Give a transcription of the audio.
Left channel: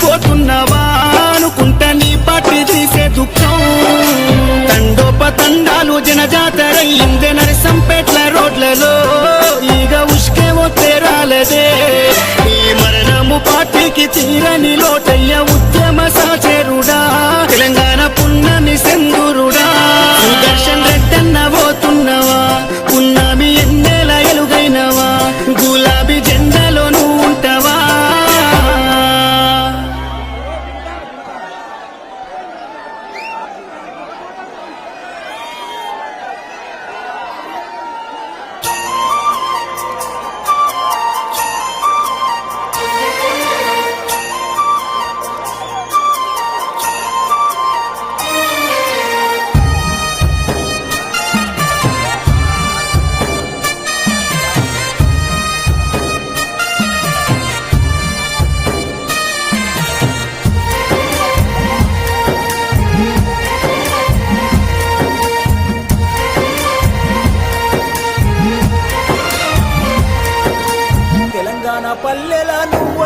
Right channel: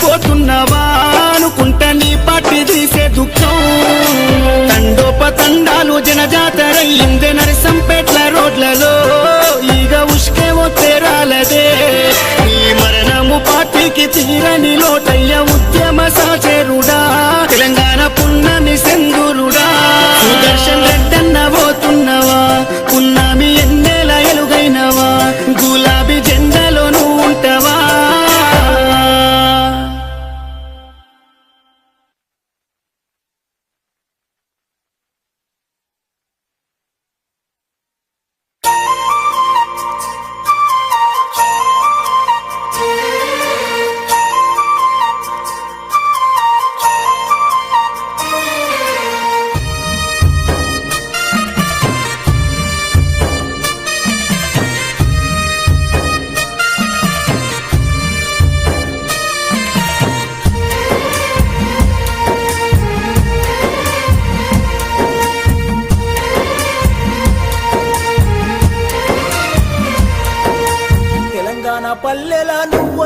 పోతున్నావా అనుకుంట నీ పట్టి తీసే దుఃఖం తండోపతండాలు జనజాతరయ్యిందే నరసంపేట్ల రోడ్లలో ఈగ ఉష్కే తేరాలదే ఈ మరణము పార్టీకి తీరని లోటయ్య ఉద్యమ సాచేరుడా తెలంగాణ పున్నమి సెందురుడా సుదర్శన్ రెడ్డన్న పోతున్నవా పున్నమి ఎన్నేల ఎలుగైనవా గులాబీ జెండాలో నువ్వు ఉంటావా తెలంగాణ పల్లెల నువ్వు